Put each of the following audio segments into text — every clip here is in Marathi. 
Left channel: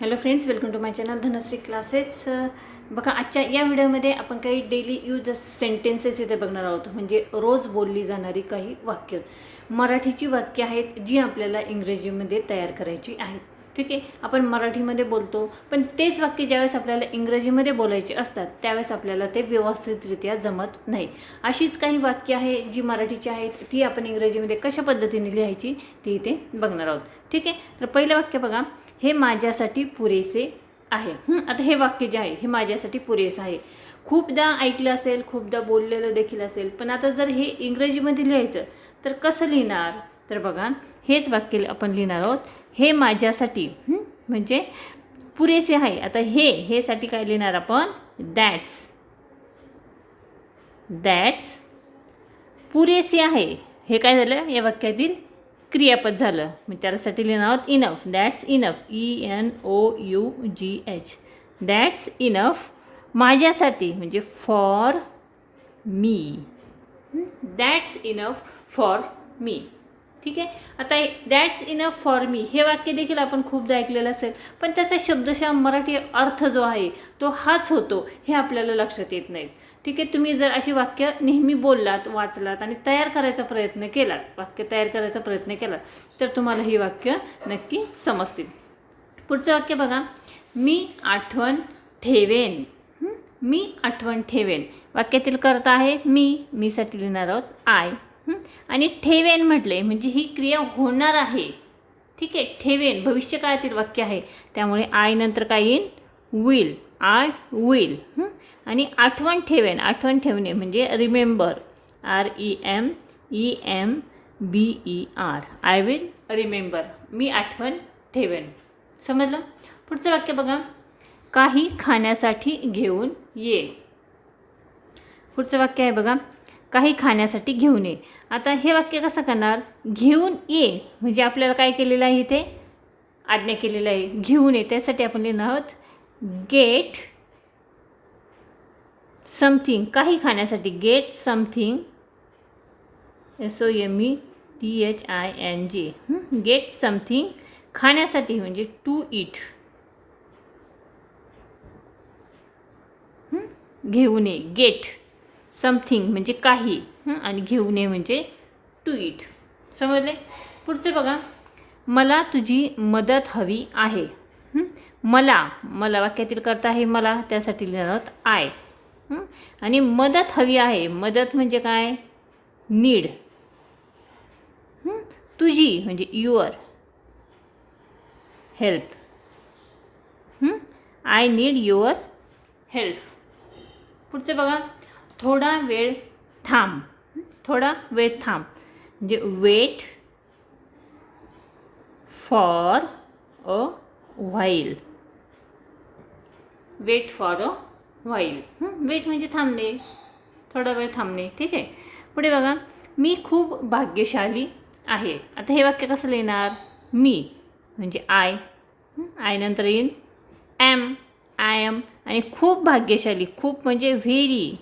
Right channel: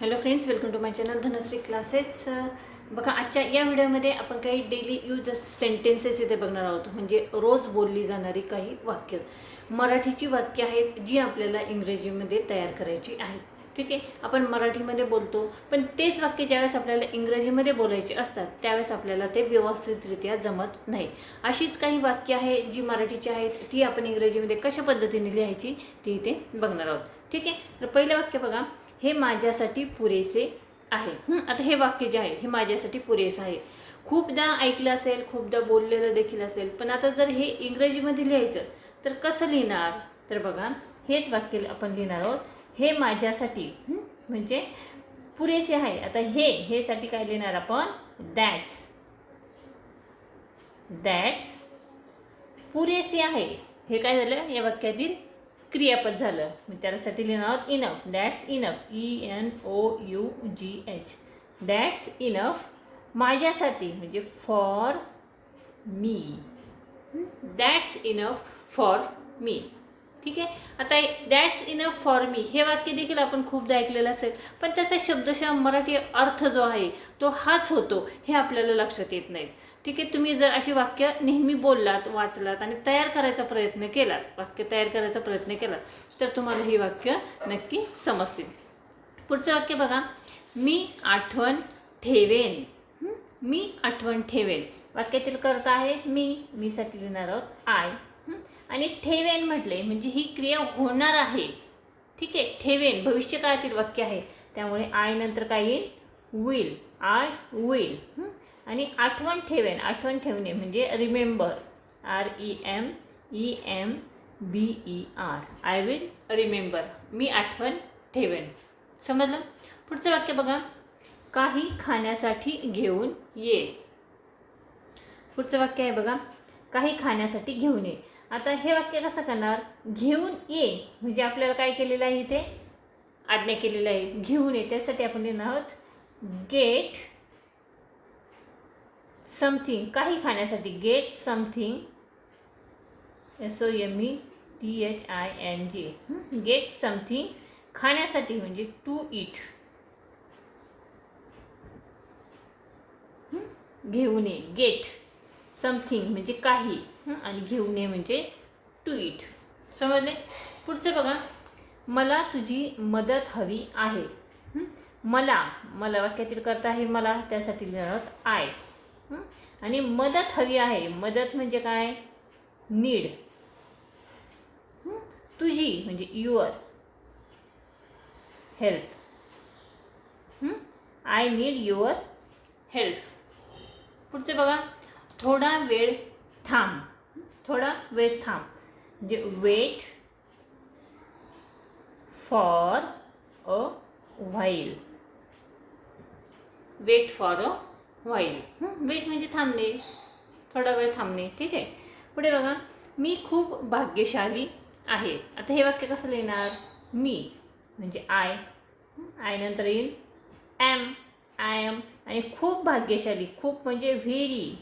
Hello friends welcome to my channel Dhanashree classes बघा आजच्या या व्हिडिओमध्ये आपण काही डेली यूज सेंटेन्सेस इथे बघणार आहोत. म्हणजे रोज बोलली जाणारी काही वाक्य. मराठीची वाक्य आहेत जी आपल्याला इंग्रजीमध्ये तयार करायची आहेत. ठीक आहे? आपण मराठीमध्ये बोलतो. पण तेच वाक्य ज्यावेळेस आपल्याला इंग्रजीमध्ये बोलायचे असतात त्यावेळेस आपल्याला ते व्यवस्थितरित्या जमत नाही. अशीच काही वाक्य आहे जी मराठीची आहेत ती आपण इंग्रजीमध्ये कशा पद्धतीने लिहायची ती इथे बघणार आहोत. ठीक आहे? तर पहिलं वाक्य बघा. हे माझ्यासाठी पुरेसे आहे. आता हे वाक्य जे आहे हे माझ्यासाठी पुरेसं आहे. खूपदा ऐकलं असेल खूपदा बोललेलं देखील असेल पण आता जर हे इंग्रजीमध्ये लिहायचं तर कसं लिहिणार? तर बघा हेच वाक्य आपण लिहिणार आहोत. हे माझ्यासाठी म्हणजे पुरेसे आहे. आता हे हे साठी काय लिहिणार आपण? दॅट्स दॅट्स पुरेसे आहे. हे काय झालं? या वाक्यातील क्रियापद झालं. मी त्यासाठी लिहिणार आहोत enough that's enough E N O U G H that's enough माझ्यासाठी म्हणजे for me that's enough for me ठीक आहे? आता दॅट्स इनफ फॉर मी हे वाक्य देखील आपण खूपदा ऐकलेलं असेल. पण त्याचा शब्दशः मराठी अर्थ जो आहे तो हाच होतो हे आपल्याला लक्षात येत नाही ठीक आहे? तुम्ही जर अशी वाक्य नेहमी बोललात वाचलात आणि तयार करायचा प्रयत्न केलात वाक्य तयार करायचा प्रयत्न केलात तर तुम्हाला ही वाक्य नक्की समजतील. पुढचं वाक्य बघा. मी आठवण ठेवेन. मी आठवण ठेवेन. वाक्यातील करता आहे मी मीसाठी लिहिणार आहोत आय आणि ठेवेन म्हटले म्हणजे ही क्रिया होणार आहे. ठीक आहे ठेवेन. भविष्यकाळातील वाक्य आहे. त्यामुळे आय नंतर काय येईल? विल आय विल आणि आठवण ठेवेन. आठवण ठेवणे म्हणजे remember R E M E M B E R I will remember मी आठवण ठेवेन. समजलं? पुढचं वाक्य बघा. काही खाण्यासाठी घेऊन ये. पुढचं वाक्य आहे बघा. काही खाण्यासाठी घेऊन ये आता हे वाक्य कसं करणार? घेऊन ये. म्हणजे आपल्याला काय केलेलं आहे इथे? आज्ञा केलेलं आहे. घेऊन ये. त्यासाठी आपण लिहिणार आहोत गेट समथिंग काही खाण्यासाठी get something S O M E T H I N G get something खाण्यासाठी म्हणजे टू इट घेऊन ये. गेट समथिंग म्हणजे काही आणि घेऊन ये म्हणजे टू इट समजले? पुढचे बघा. मला तुझी मदत हवी आहे. मला मला वाक्यातील करता आहे मला त्यासाठी लिहिणार आय आणि मदत हवी आहे. मदत म्हणजे काय? नीड. तुझी म्हणजे your help I need your help पुढचे बघा. थोडा वेळ थांब. थोडा वेळ थांब. म्हणजे wait for a while wait for a while wait म्हणजे थांबणे. थोडा वेळ थांबणे. ठीक आहे? पुढे बघा. मी खूप भाग्यशाली आहे. आता हे वाक्य कसं लिहिणार? मी. म्हणजे आय आय नंतर येईल ॲम आय एम आणि खूप भाग्यशाली. खूप म्हणजे व्हेरी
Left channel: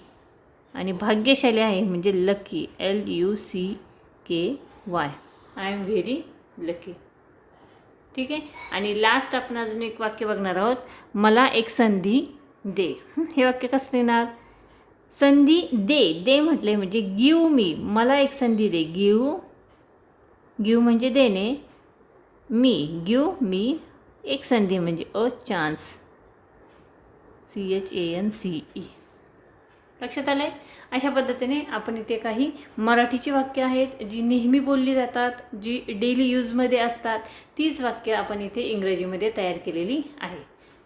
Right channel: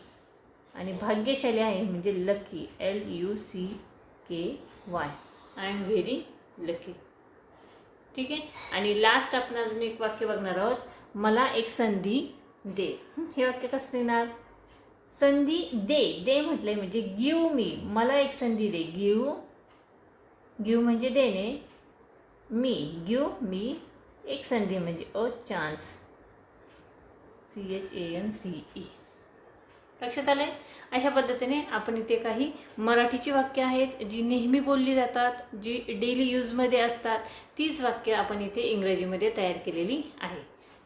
आणि भाग्यशाली आहे म्हणजे lucky L U C K Y I am very lucky ठीक आहे? आणि लास्ट आपण अजून एक वाक्य बघणार आहोत. मला एक संधी दे. हे वाक्य कसं येणार संधी दे. दे म्हटले म्हणजे गिव मी मला एक संधी दे. गिव गिव म्हणजे देणे. मी गिव मी एक संधी म्हणजे a chance C H A N C E लक्षात आलं आहे अशा पद्धतीने आपण इथे काही मराठीची वाक्य आहेत जी नेहमी बोलली जातात जी डेली यूजमध्ये असतात तीच वाक्य आपण इथे इंग्रजीमध्ये तयार केलेली आहे.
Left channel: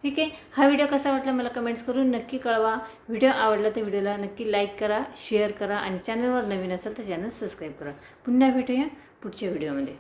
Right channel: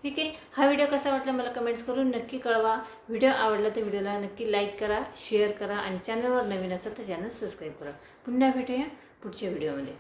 ठीक आहे? हा व्हिडिओ कसा वाटला मला कमेंट्स करून नक्की कळवा. व्हिडिओ आवडला तर व्हिडिओला नक्की लाईक करा शेअर करा आणि चॅनलवर नवीन असेल तर चॅनल सबस्क्राईब करा. पुन्हा भेटूया पुढच्या व्हिडिओमध्ये